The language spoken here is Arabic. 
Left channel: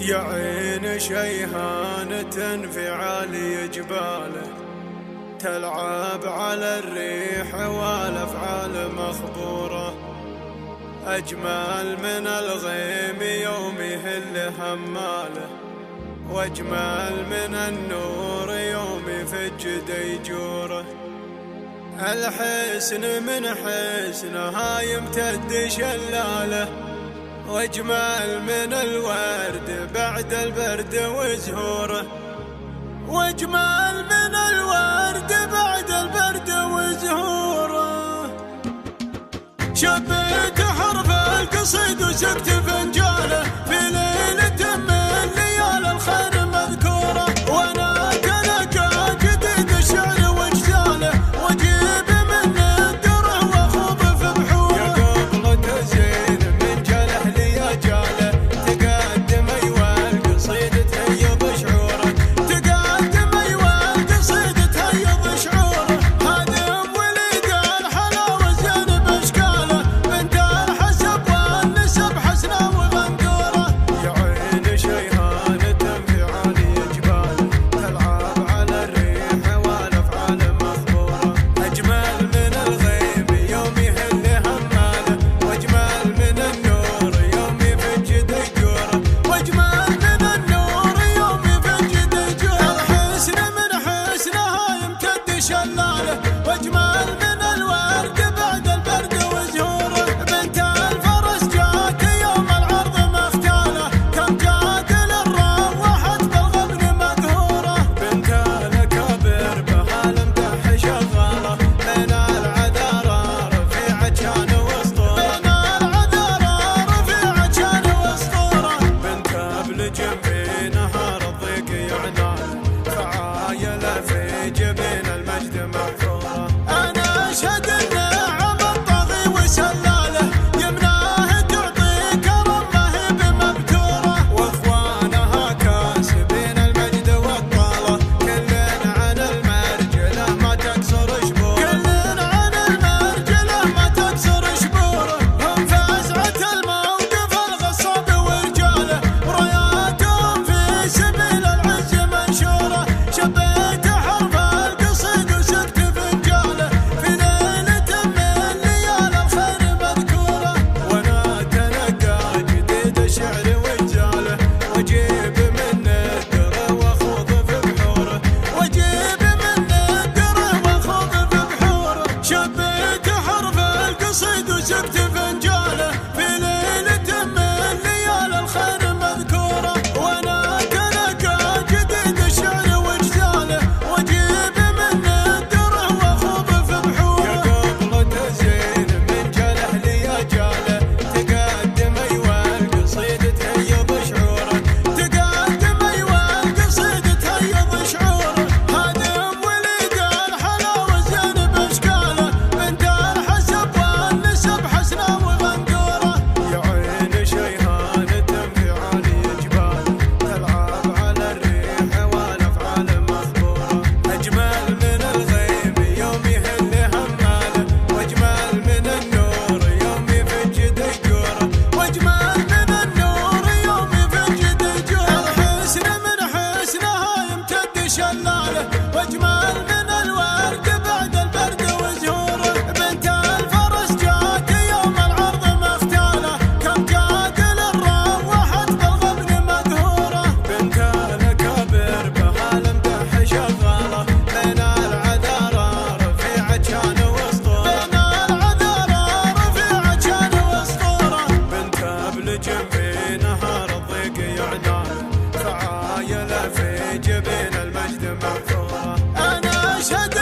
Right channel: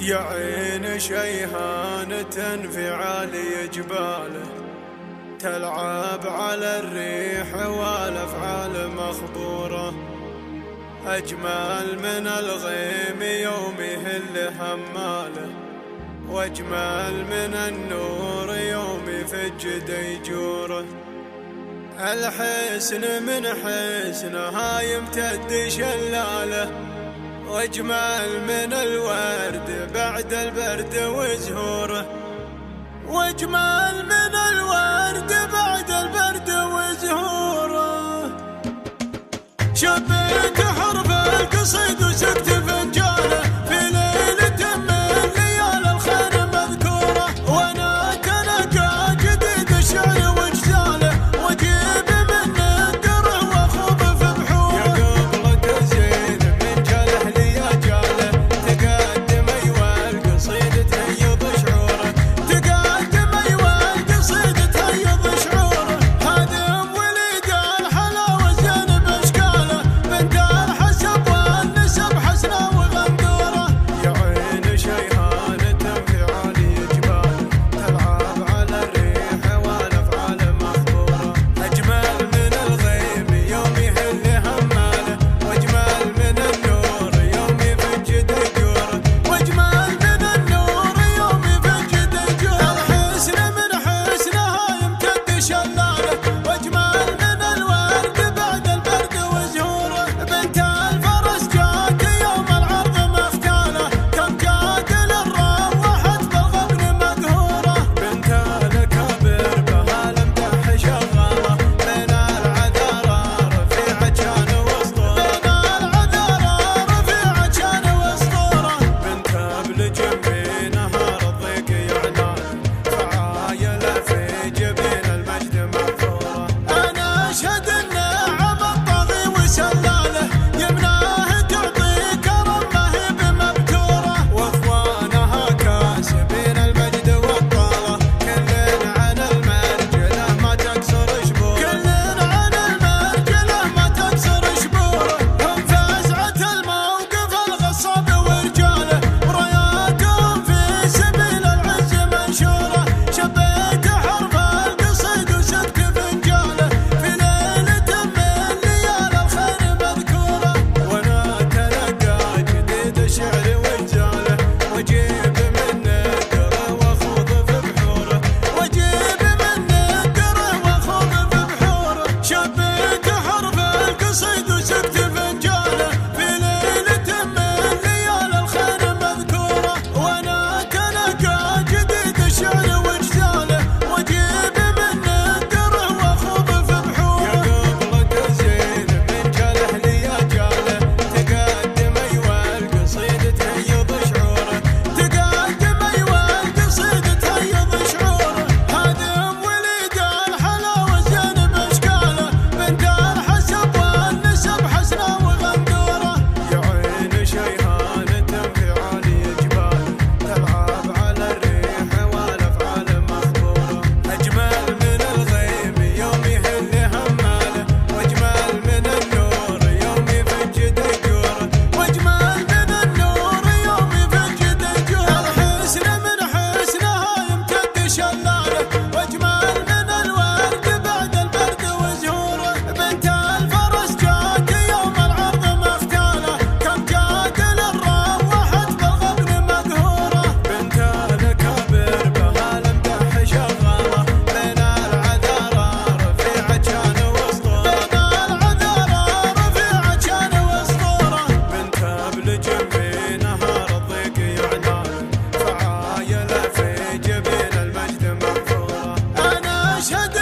يا عين شيهانة في عالي جباله، تلعب على الريح والأفعال مخبورة. أجمل من الغيم يوم يهل هماله، واجمل من النور يوم يفج ديجوره. الحسن من حسنها يمتد شلاله، واجمل من الورد بعد البرد وزهوره. واجمل من الورد بعد البرد وزهوره. شبيت حرف القصيد وسكت فنجاله، في ليلة من ليال الخير مذكوره. وانا تلقى جديد الشعر واجزاله، واجيب من الدره واخوض في بحوره. يا قبل زين من جاله لي جاله، تقدم ايوه القصيد تهيض شعوره. تقدم ايوه القصيد تهيض شعوره. هادم وليد الحلاوه زين باشكاله، بنت الحسب والنسب حسنه وغندوره. يا عين شيهانة في عالي جباله، تلعب على الريح والافعال مخبوره. اجمل من الغيم يوم يهل هماله، واجمل من النور يوم يفج ديجوره. واجمل من النور يوم يفج ديجوره. الحسن من حسنها يمتد شلاله، واجمل من الورد بعد البرد وزهوره. بنت الفرس جات يوم العرض مختاله، كم جاد للروحت بالغبن مقهوره. بنت الاكابر بها المدح شغاله، بين العذارى رفيعه كان واسطوره. بين العذارى رفيعه كان واسطوره. بنت ابن جنبي نهار الضيق يعناله، فعايله في جبين المجد محفوره. انا اشهد النعم الطاغي وسلاله، يمناه تعطي كرم ما هي بمبتوره. واخوانها كاسبين المجد والطاله، كل عن المرجله ما تكسر شبوره. كل عن المرجله ما تكسر شبوره. هم فزعه الموقف الغصاب ورجاله، وراياتهم في سبيل العز منشوره. شبيت حرف القصيد وسكت فنجاله، في ليلة من ليال الخير مذكوره. وانا تلقى جديد الشعر واجزاله، واجيب من الدره واخوض في بحوره. واجيب من الدره واخوض في بحوره. شبيت حرف القصيد وسكت فنجاله، في ليلة من ليال الخير مذكوره. وانا تلقى جديد الشعر واجزاله، واجيب من الدره واخوض في بحوره. يا قبل زين من جاله لي جاله، تقدم ايوه القصيد تهيض شعوره. تقدم ايوه القصيد تهيض شعوره. هادم وليد الحلاوه زين باشكاله، بنت الحسب والنسب حسنه وغندوره. يا عين شيهانة في عالي جباله، تلعب على الريح والافعال مخبوره. اجمل من الغيم يوم يهل هماله، واجمل من النور يوم يفج ديجوره. واجمل من النور يوم يفج ديجوره. الحسن من حسنها يمتد شلاله، واجمل من الورد بعد البرد وزهوره. بنت الفرس جات يوم العرض مختاله، كم جاد للروحت بالغبن مقهوره. بنت الاكابر بها المدح شغاله، بين العذارى رفيعه كان واسطوره. بين العذارى رفيعه كان واسطوره. بنت ابن جنبي نهار الضيق يعناله، فعايله في جبين المجد محفوره. انا اشهد